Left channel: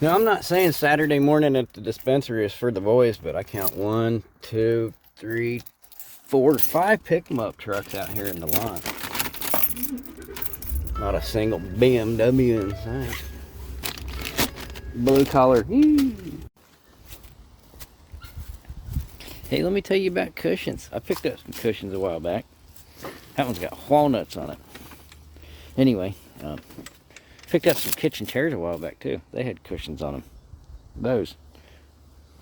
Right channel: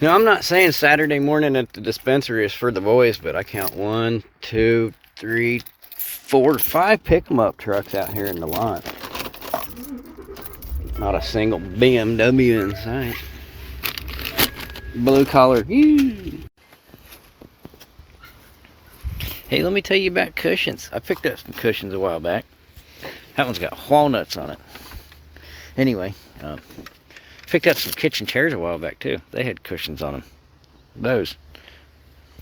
Now, I'm not saying Saturday morning at the dispensary is for the boys, but I count 1, 2, 3, 4, 5 pick-em-up trucks out here in the lot. Not a single BMW in sight. Blue collar. Hey, let me tell you about cushions. I picked up some cushions a while back. That one's got walnuts on it. Anyway, picked up some kitchen chairs a while back too. They had cushions on them. Those.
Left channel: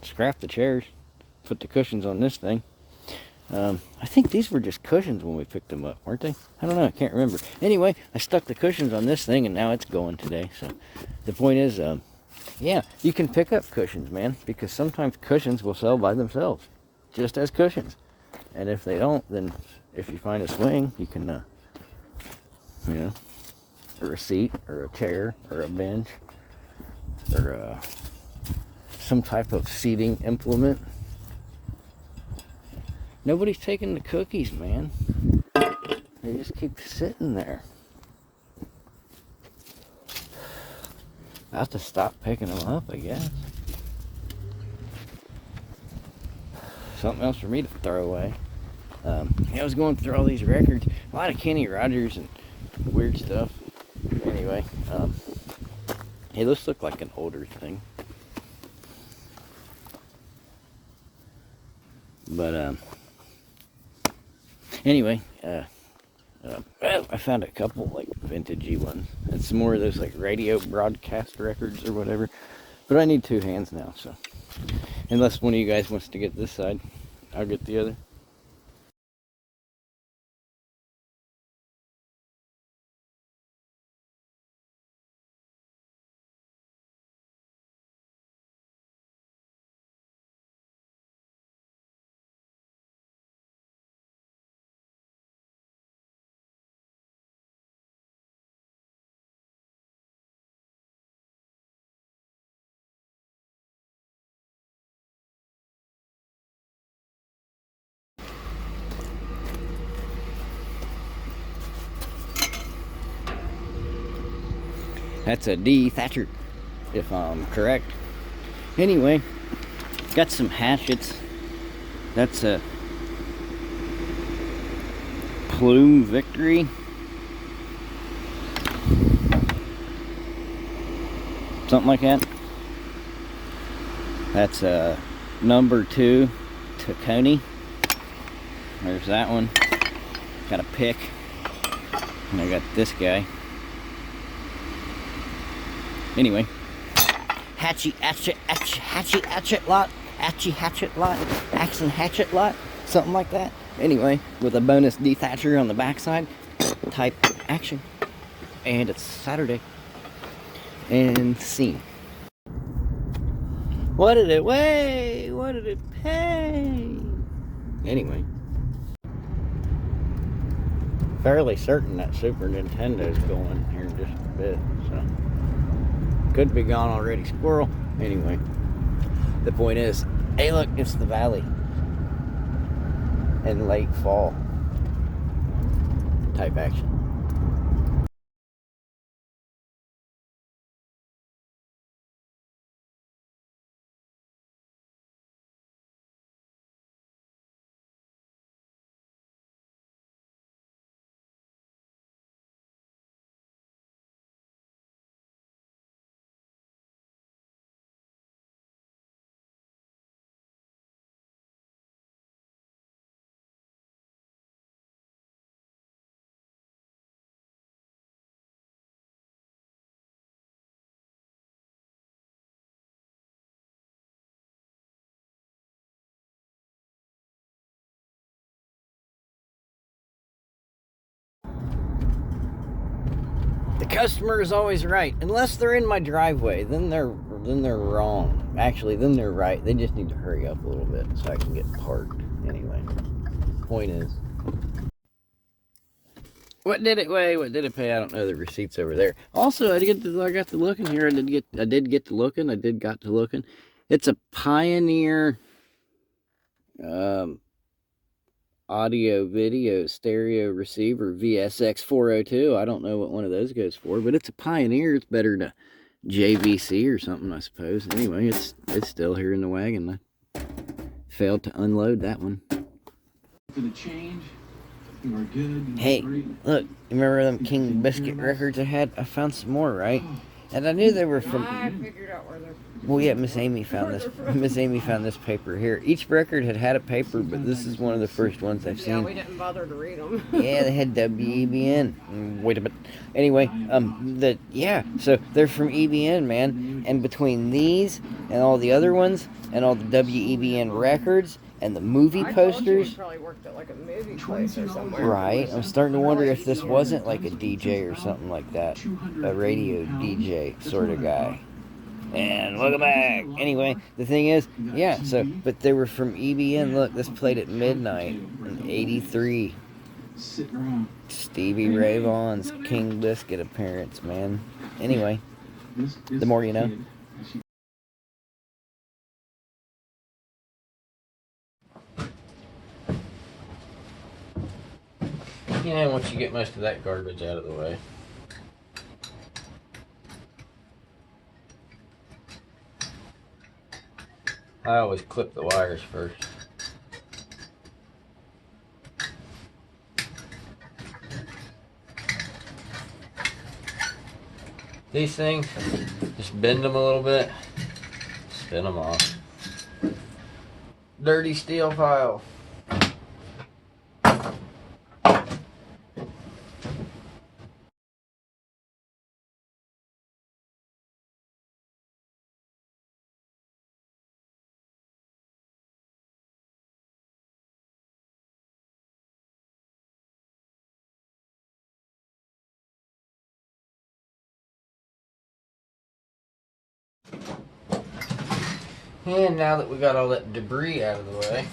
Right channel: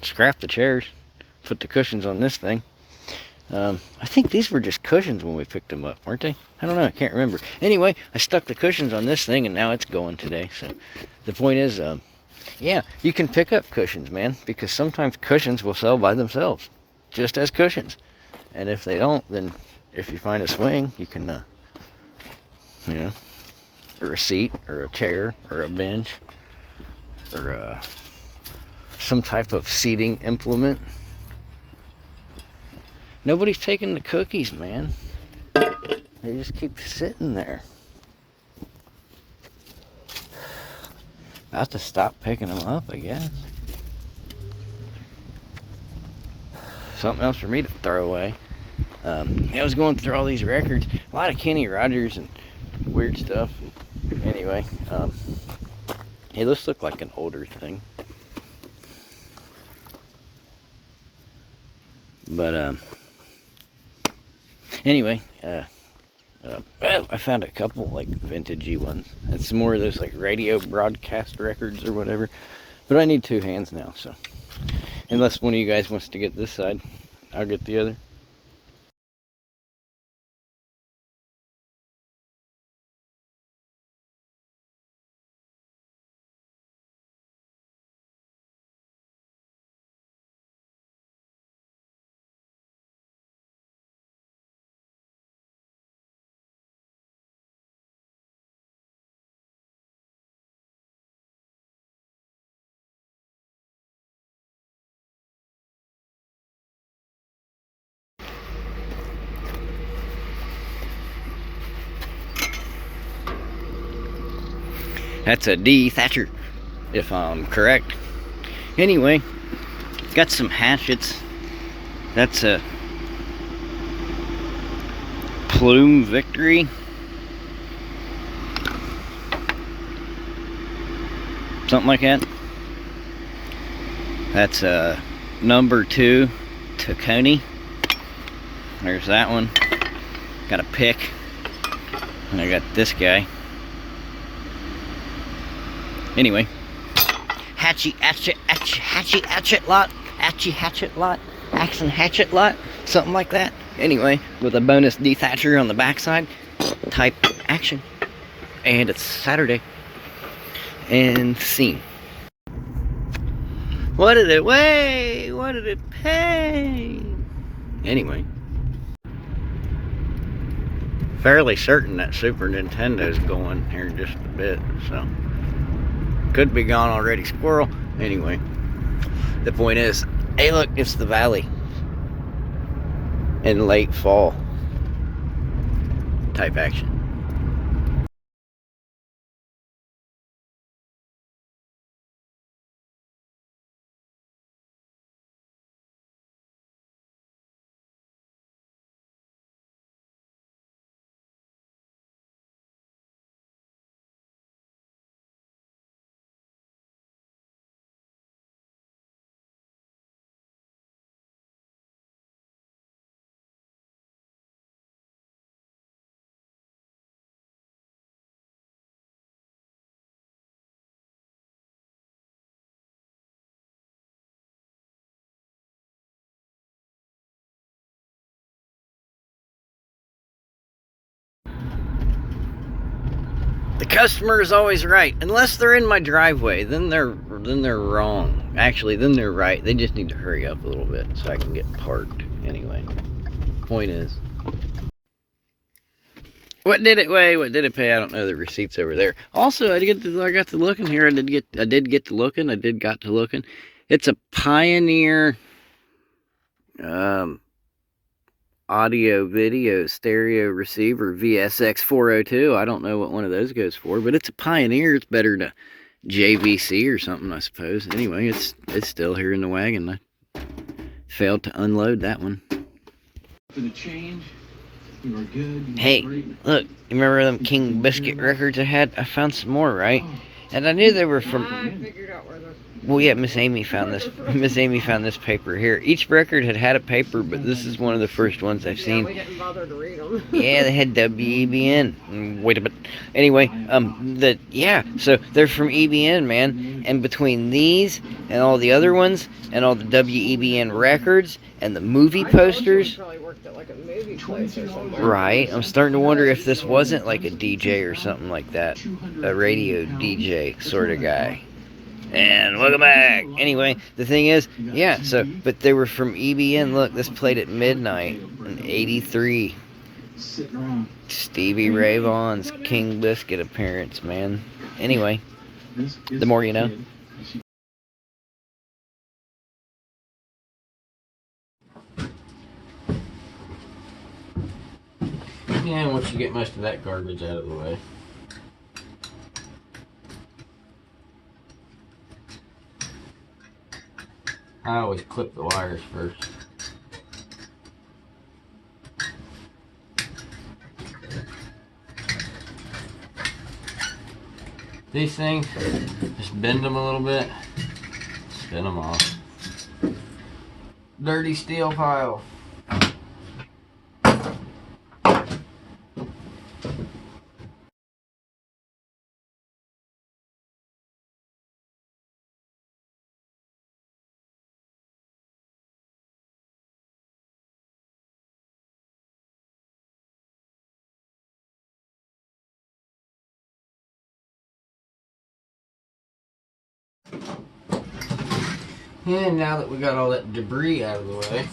Scrap the chairs. Put the cushions on this thing. I think these were just cushions when we picked them up, weren't they? I don't know. I can't remember. Anyway, I stuck the cushions on this thing, and now it's going today. So the point is, yeah, you can pick up cushions, man, because sometimes cushions will sell by themselves, just as cushions. And if they don't, then if you find a swing, you can, you know, or a seat, or a chair, or a bench, or some type of seating implement. Nobody's taking the cookies, man. They just keep sitting there. I have to stop picking them up, I guess. Something else for me to throw away. I was going through all these records. A lot of Kenny Rogers and weird stuff. Anyway, hey, this looked like an older thing. But, anyway, I found a couple, like, vintagey ones. And some more of those, like, radio broadcast records or whatever. But I need 2 hands now, so. Unless one of you guys wants to get this side, I'll get the other. That's a D Thatcher, if I'm correct. Anyway, got some hatchets. That's a Plume Victory. Something like that. That's a number 2 Tacony. There's that one. Got a pick. And I got this guy. Anyway, hatchet lot, action hatchet lot, something like that. Anyway, with a bonus dethatcher on the backside, type action. And it's Saturday. And scene. What did it weigh? What did it pay? Anyway. Fairly certain that Super Nintendo's going here in just a bit, so. Could be gone already, squirrel. Anyway, the point is, hey look, it's the valley in late fall type action. The customer is always right, unless they're in my driveway. Then they're wrong. Actually, then they're right. They just need to hurry up a little bit so I can get parked. Anyway, point is, what did it weigh? What did it pay? I don't know. The receipt's over there. Also, I got to looking here. I did get to looking. It's a Pioneer audio video stereo receiver VSX 402. I don't know what one of those goes for, but it's a Pioneer. It's better to JVC or something, I suppose. Anyway, it's still here in the wagon. I failed to unload that one. For the change, we were good. Hey, look, you remember them King Biscuit records I had? I found some more, right? And I knew they were from... I figured out where those... Well, yeah, Miss Amy found this. Miss Amy found this paper here. Each record had a paper, but this is one of the first ones I've seen. Yeah, we didn't bother to read them. Yeah, they had WEBN. Wait a minute. Anyway, so they're from EBN, man. And between these and all the other ones and all the WEBN records and the movie posters, Probably worked at like a movie place or something. right? I'm starting to wonder if this wasn't like a DJ or something like that, a radio DJ sort of guy. And welcome back. Anyway, the thing is, yeah, but they were from EBN. Look, this played at midnight in '83. Stevie Ray Vaughan's King Biscuit appearance, man. Anyway, the more you know. Yeah, and once you get most of that garbage out of the way. I always clip the wires first. These things, just bend them a little bit, spin them off. Dirty steel pile. And now that we got all that debris out of the way,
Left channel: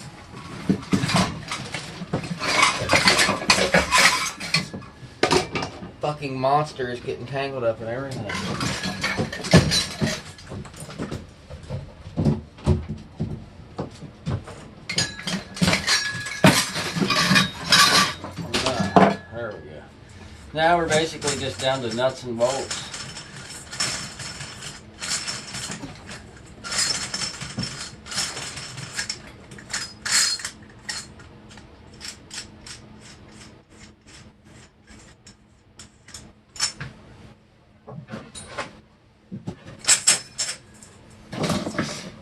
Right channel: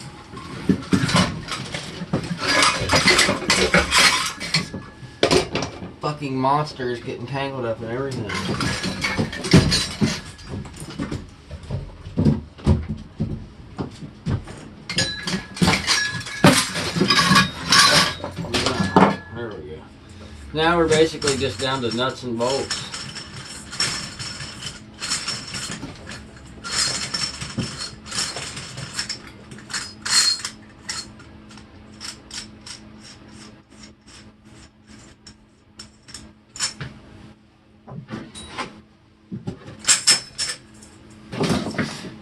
fucking monster is getting tangled up in everything. There we go. Now we're basically just down to nuts and bolts.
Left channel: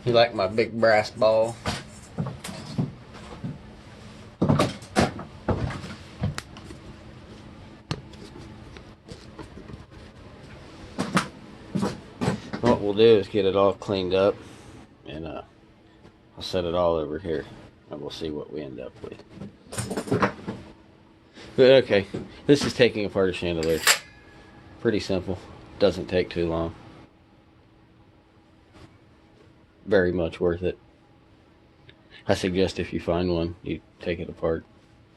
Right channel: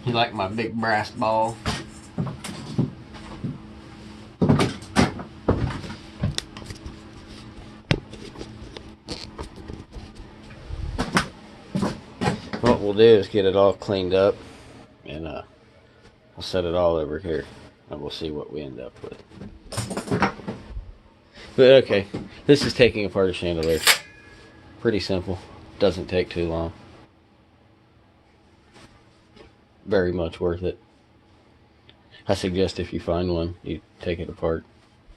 You like my big brass ball? What we'll do is get it all cleaned up, and I'll set it all over here, and we'll see what we end up with. But okay, this is taking apart a chandelier. Pretty simple, doesn't take too long. Very much worth it. I suggest if you find one, you take it apart.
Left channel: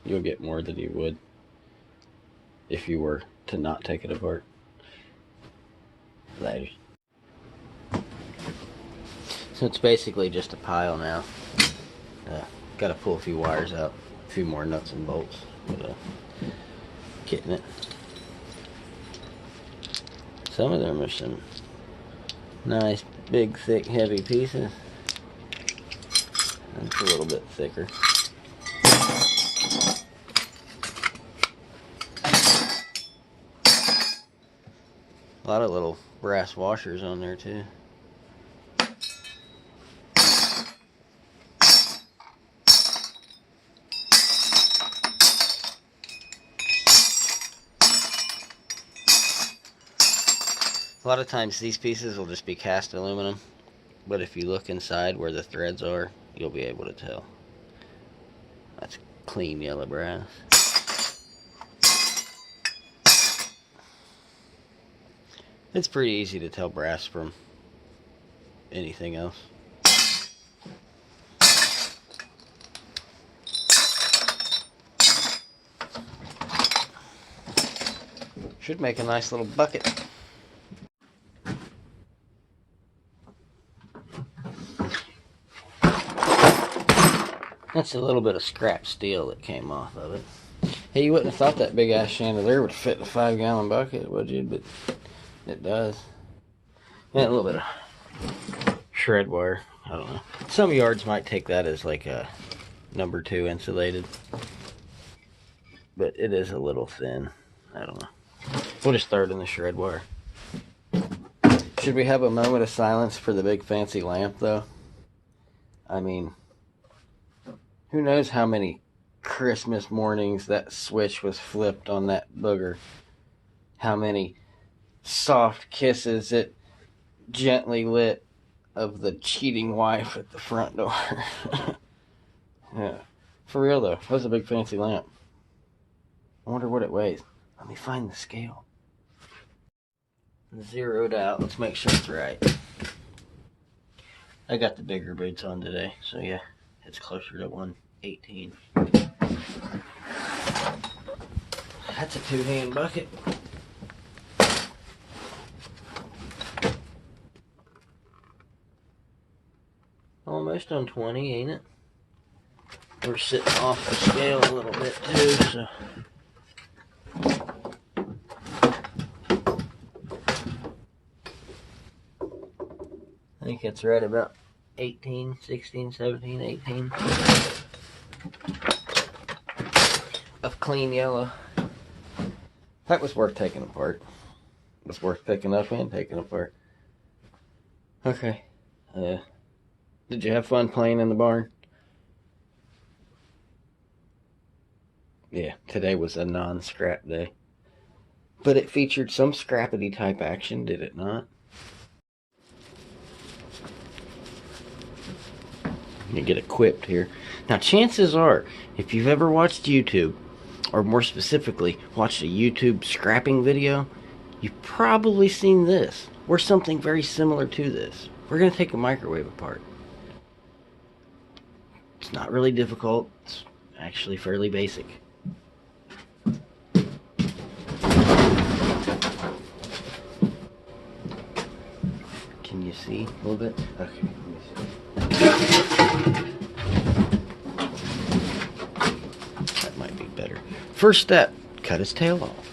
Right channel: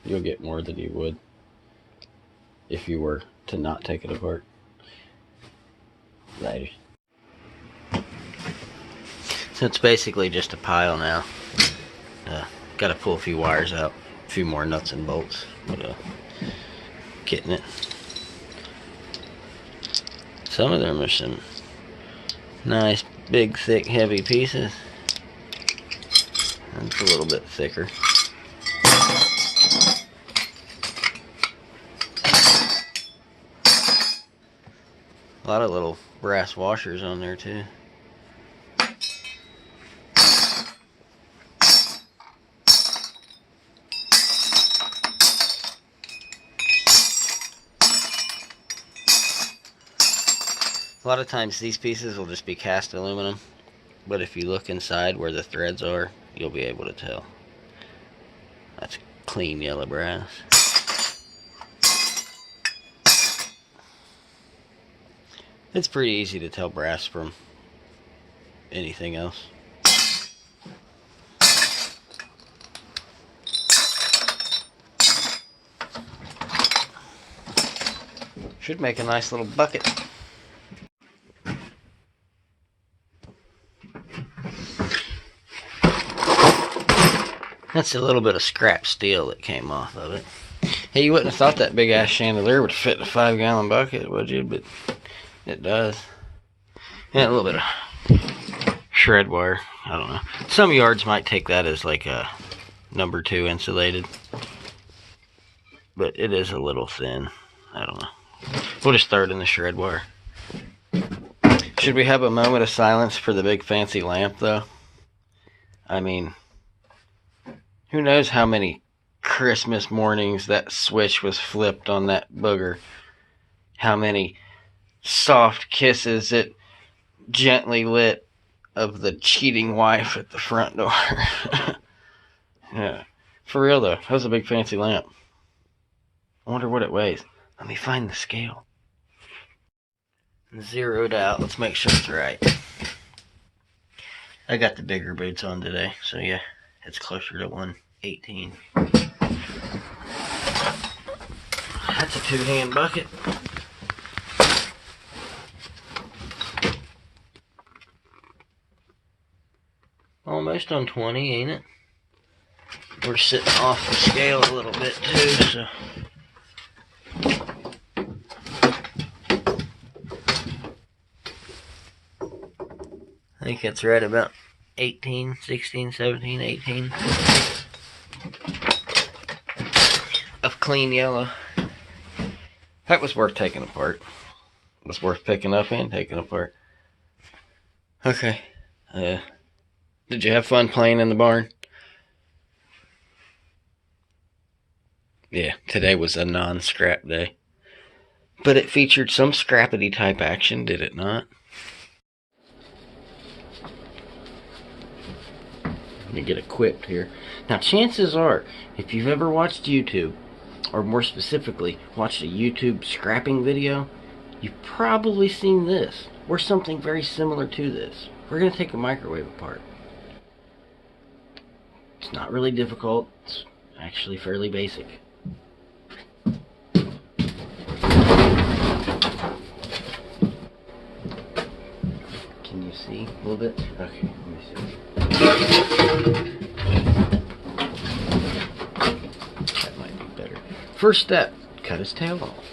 You'll get more than you would if you were to not take it apart. Later. So it's basically just a pile now. Got to pull a few wires out, a few more nuts and bolts, but getting it. Some of them are some nice, big, thick, heavy pieces. That's a little bit thicker. A lot of little brass washers on there too. A lot of times these pieces will just be cast aluminum, but if you look inside where the threads are, you'll be able to tell. That's clean yellow brass. It's pretty easy to tell brass from anything else. Should make a nice little bucket. That's a little bit of scrap steel that came off of it. Hey, you wouldn't have thought that big ass chandelier would fit in a 5-gallon bucket, would you? But it does. And a little bit of shred wire. I don't know. Some yards might take that as like a number 2 insulated. But it is a little thin. I don't know. We'll just throw it in the shred wire. Should we have a moment of silence for the big fancy lamp, though? I mean, who knows how many Christmas mornings that switch was flipped on that booger. How many soft kisses it gently lit of the cheating wife at the front door. Yeah. For real, though, that was a big fancy lamp. I wonder what it weighs. Let me find the scale. Zeroed out. Let's make sure it's right. I got the bigger boots on today, so yeah, it's closer to 118. That's a 2-hand bucket. Almost on 20, ain't it? We're sitting off the scale a little bit too, so. I think it's right about 18, 16, 17, 18 of clean yellow. That was worth taking apart. It was worth picking up and taking apart. Okay. Did you have fun playing in the barn? Yeah, today was a non-scrap day. But it featured some Scrappity type action, did it not? You get equipped here. Now, chances are, if you've ever watched YouTube, or more specifically, watched a YouTube scrapping video, you've probably seen this, or something very similar to this. We're going to take a microwave apart. It's not really difficult. It's actually fairly basic. Can you see a little bit? Okay, let me see. That might be better. First step, cut his tail off.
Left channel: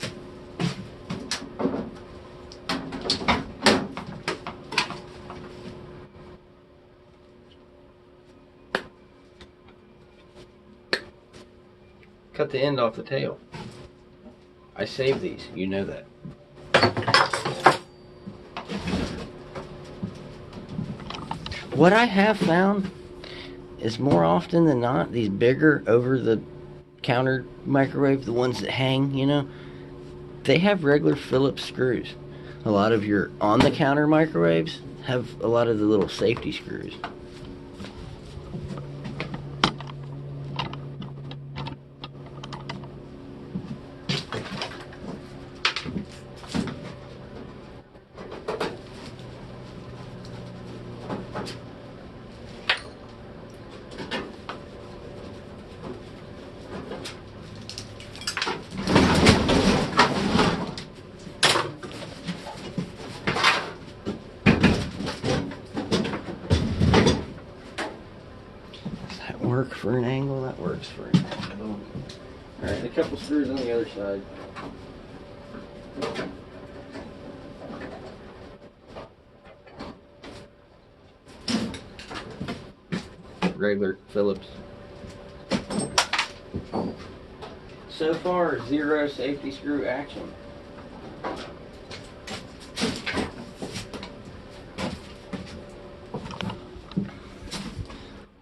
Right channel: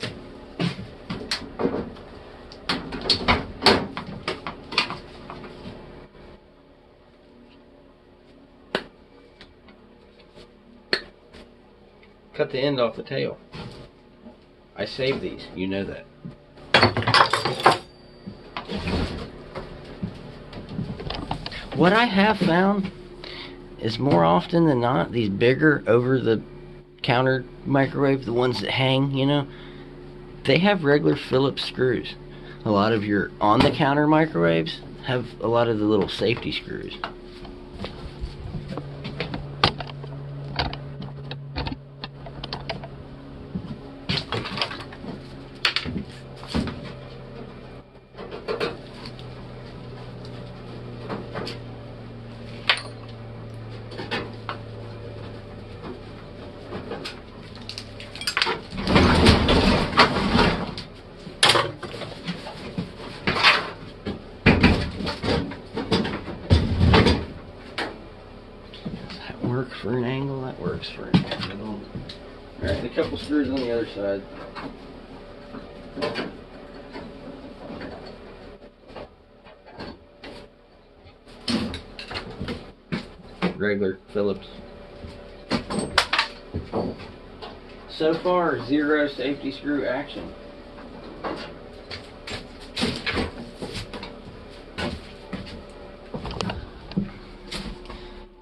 Cut the end off the tail. I save these, you know that. What I have found is more often than not, these bigger over-the-counter microwave, the ones that hang, you know, they have regular Phillips screws. A lot of your on-the-counter microwaves have a lot of the little safety screws. Work for an angle, that works for an angle. Alright, a couple screws on the other side. Regular Phillips. So far, 0 safety screw action.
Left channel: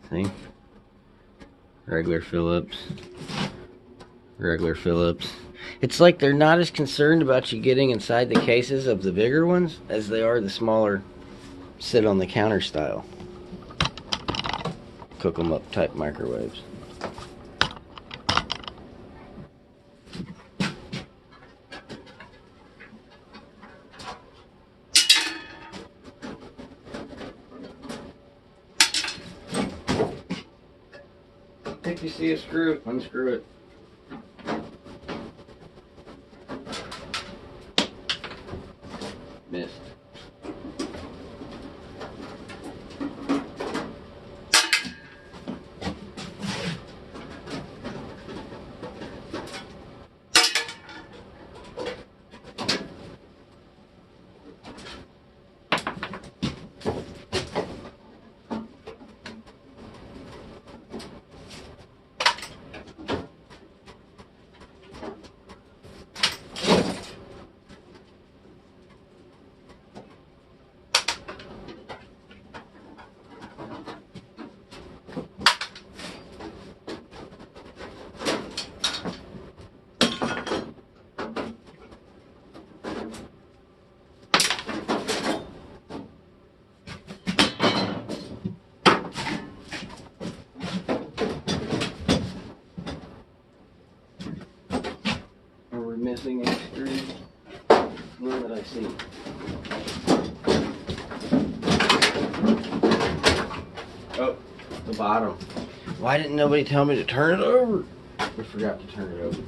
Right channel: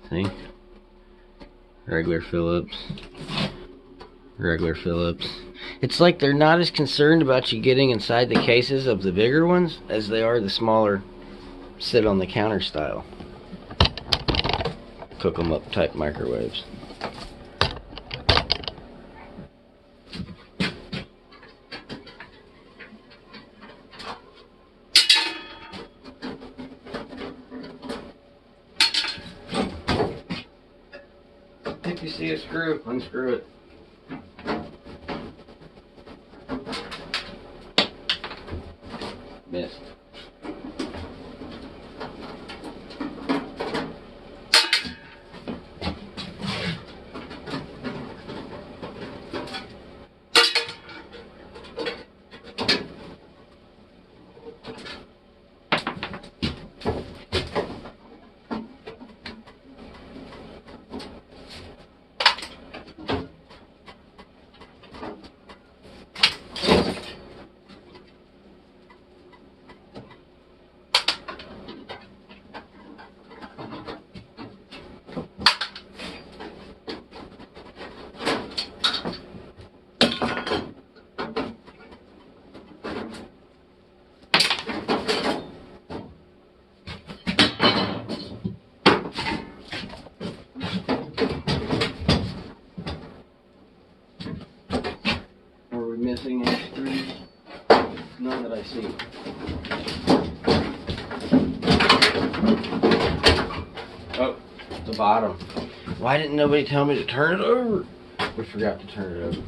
See? Regular Phillips. Regular Phillips. It's like they're not as concerned about you getting inside the cases of the bigger ones as they are the smaller sit on the counter style cook 'em up type microwaves. If you see a screw, unscrew it. Missed. I see. Oh, the bottom. Why didn't nobody tell me to turn it over? We forgot to turn it over.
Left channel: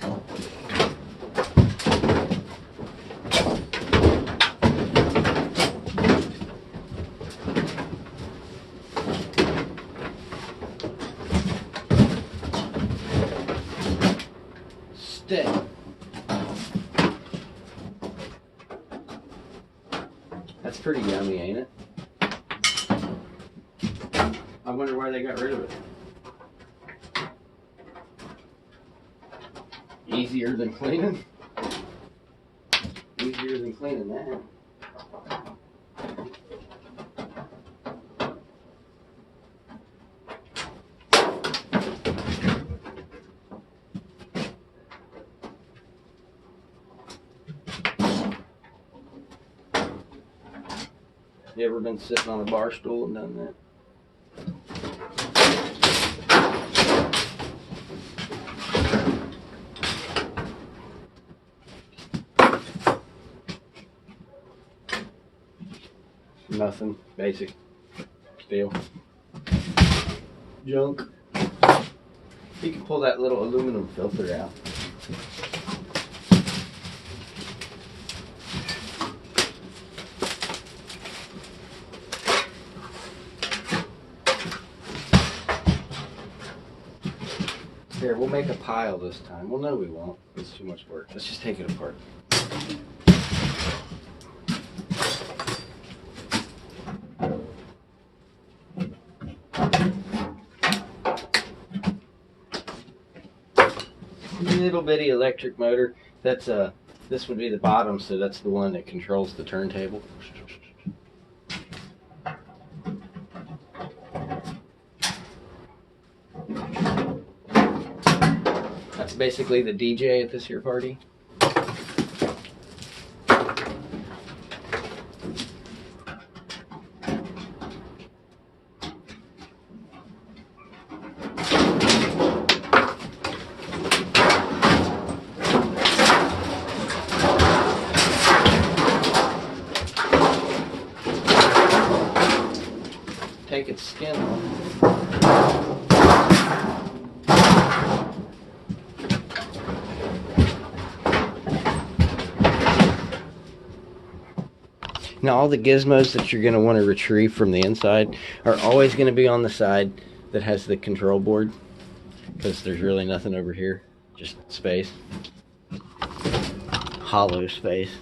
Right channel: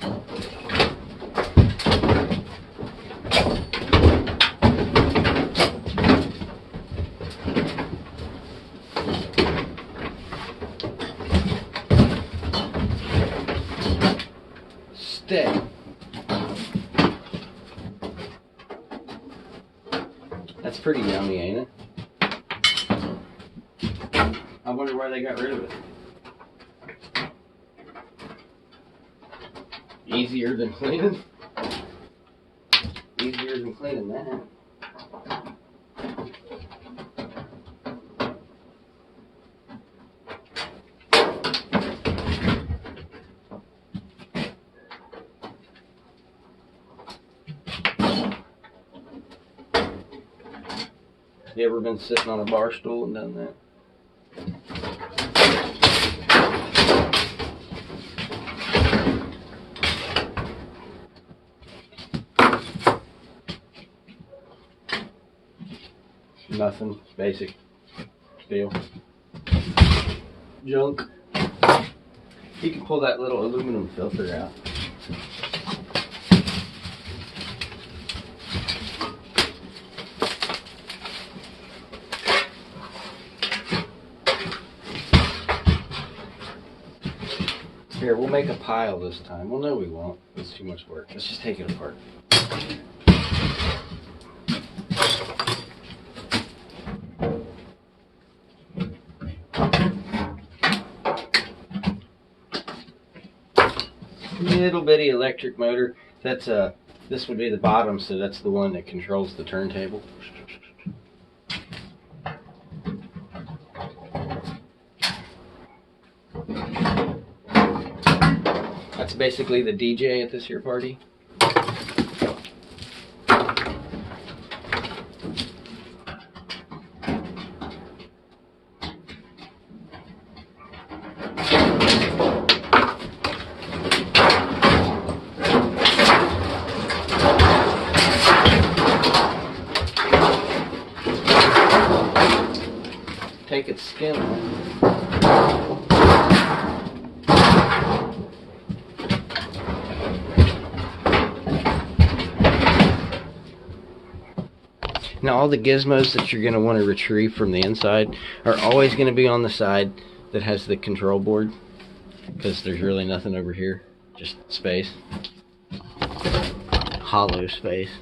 Stay. That's pretty yummy, ain't it? I wonder why they got rid of it. Easier than cleaning? Easier than cleaning that. You ever been sitting on a bar stool and done that? Nothing. Basic. Steel. Junk. You can pull that little aluminum filter out. Here, we'll make a pile this time. Well, no, we won't. It's too much work. Let's just take it apart. Little bitty electric motor. That's this would be the bottom, so that's the one that controls the turntable. That's basically the DJ at this here party. Take its skin off. Now all the gizmos that you're going to want to retrieve from the inside are always going to be on the side that has the control board, because there's really nothing over here, just space, hollow space.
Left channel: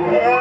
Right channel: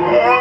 Yeah.